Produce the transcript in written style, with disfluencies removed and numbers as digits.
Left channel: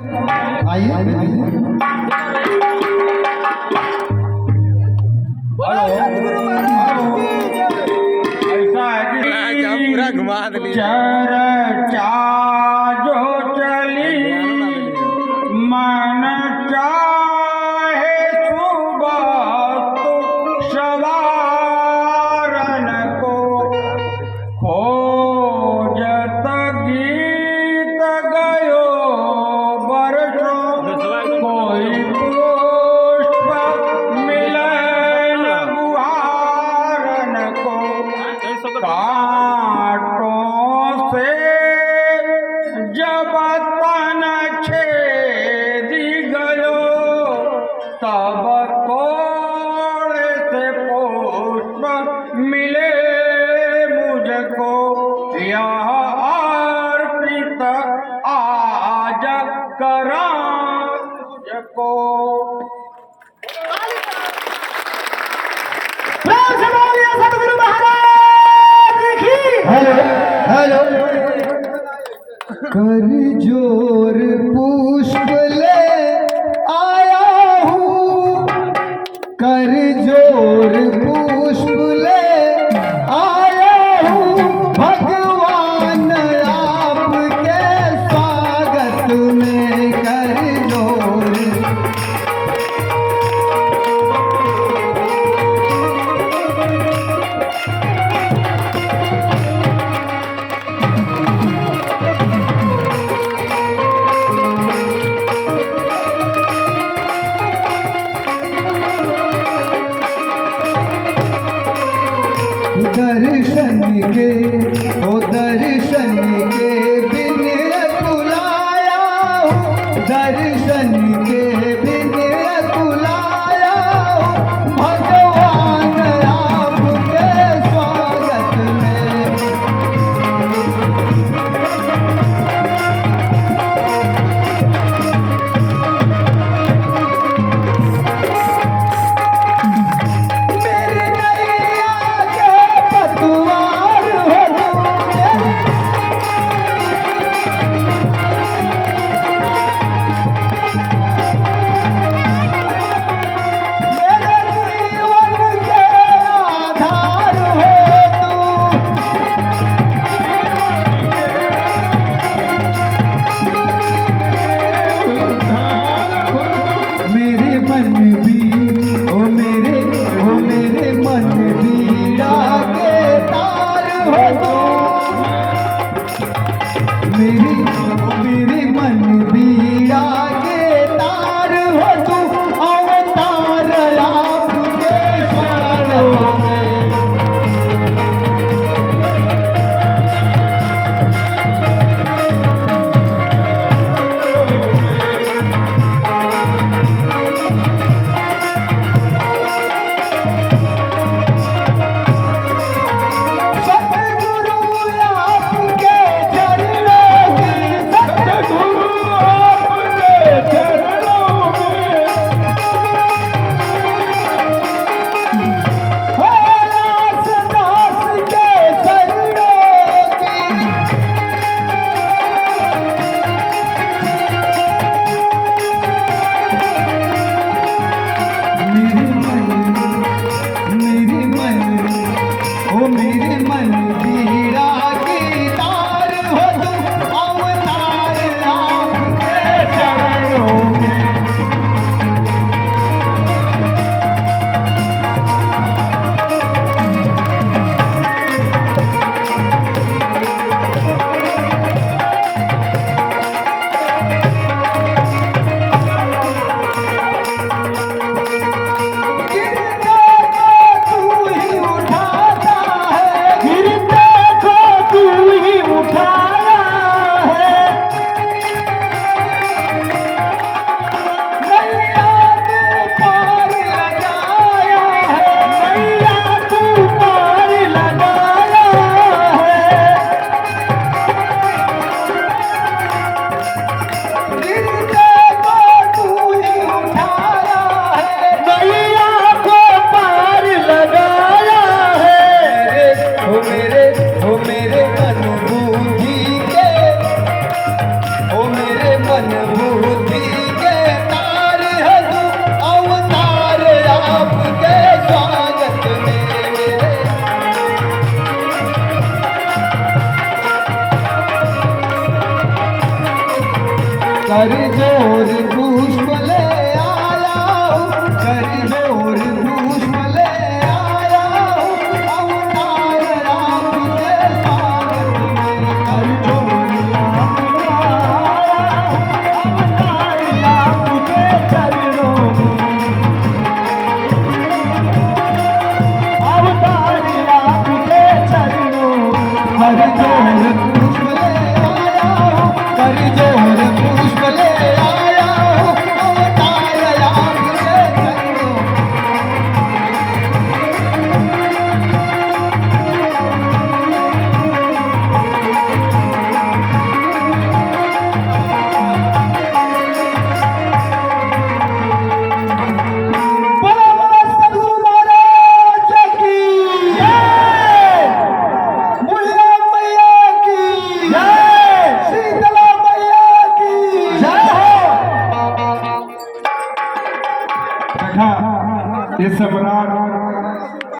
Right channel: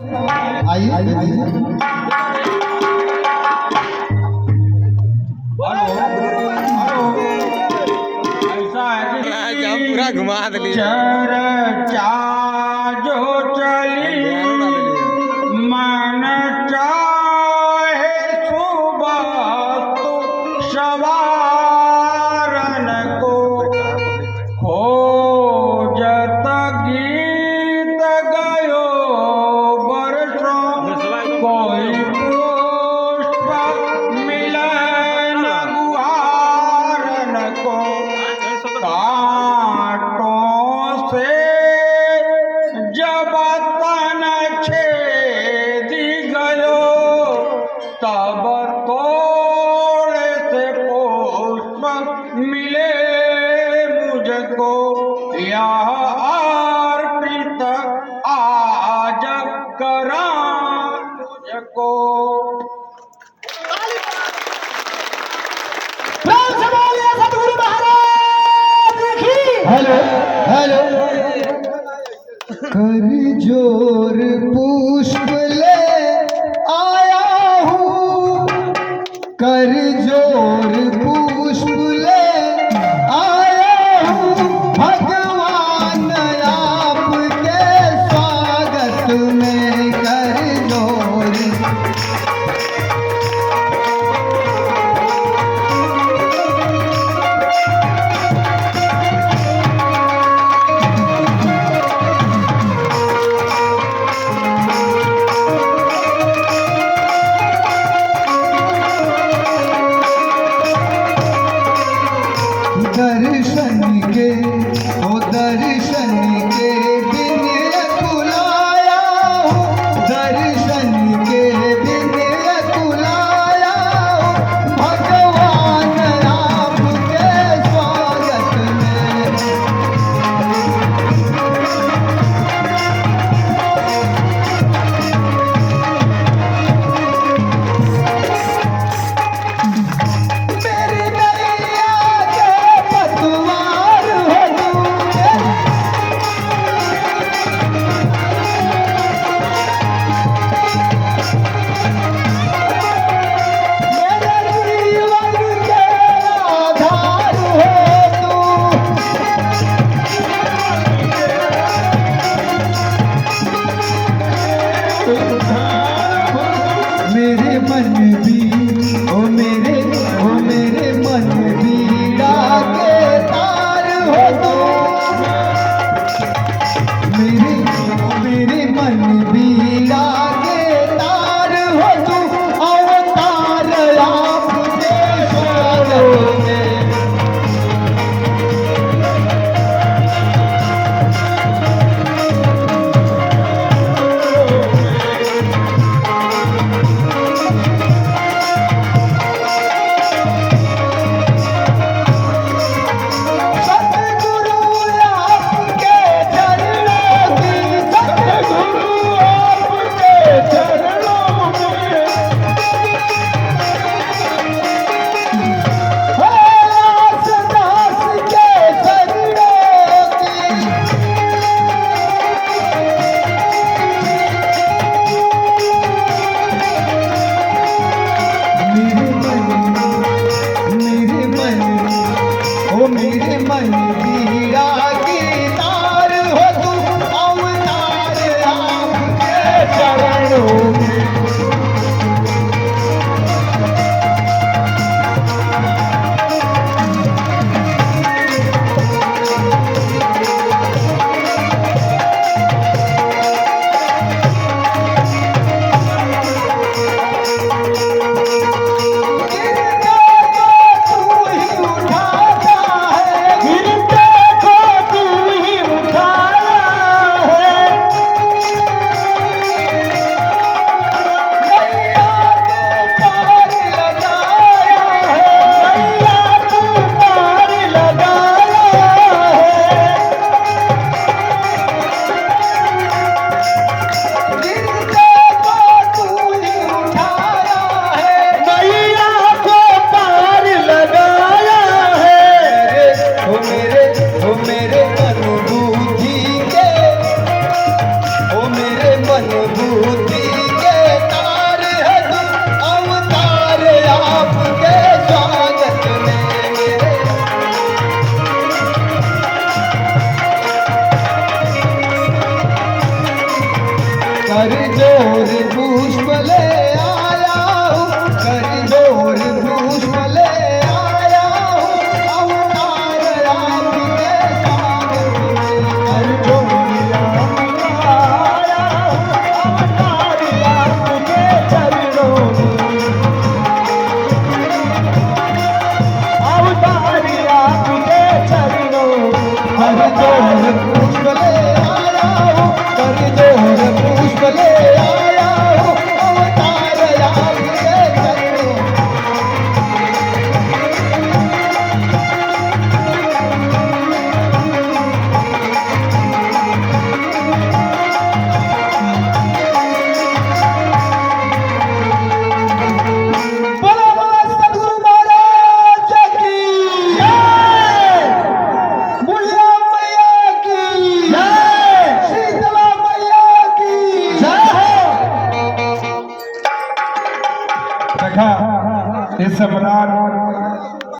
आइए ऐसा है क्या पूरा घुमा दिली चर्चा जो चली मन चाहे सुबह तो सवारन को खोजत गीत गयो बरसों कोई पुष्प मिलन गुहारन को कांटों से जब तन छेदी गयो तब थोड़े से पुष्प मिले मुझको यह अर्पित आज करा तुझको। सतगुरु महाराज की हेलो हेलो कर जोर पुष्प ले आया हूँ कर जोर पुष्प ले आया हूँ भगवान आपके स्वागत में कर जोर दर्शन के ओ दर्शन के बिन तुलाया दर्शन के बिन तुलाया भगवान आपके स्वागत में मेरी नैया के पतवार हो कर जोर पुष्प ले आया हूँ, कर जोर पुष्प ले आया हूँ, अवतार आपके स्वागत में। कर जोर आपके चरणों में, अवतार आपके चरणों में। कर जोर पुष्प ले आया हूँ, कर जोर पुष्प ले आया हूँ, अवतार आपके चरणों में। बोलो बोलो सदगुरु महाराज की जय। बुढ़िया मैया की जय। शीतला मैया की जय हो। देखा इस बरात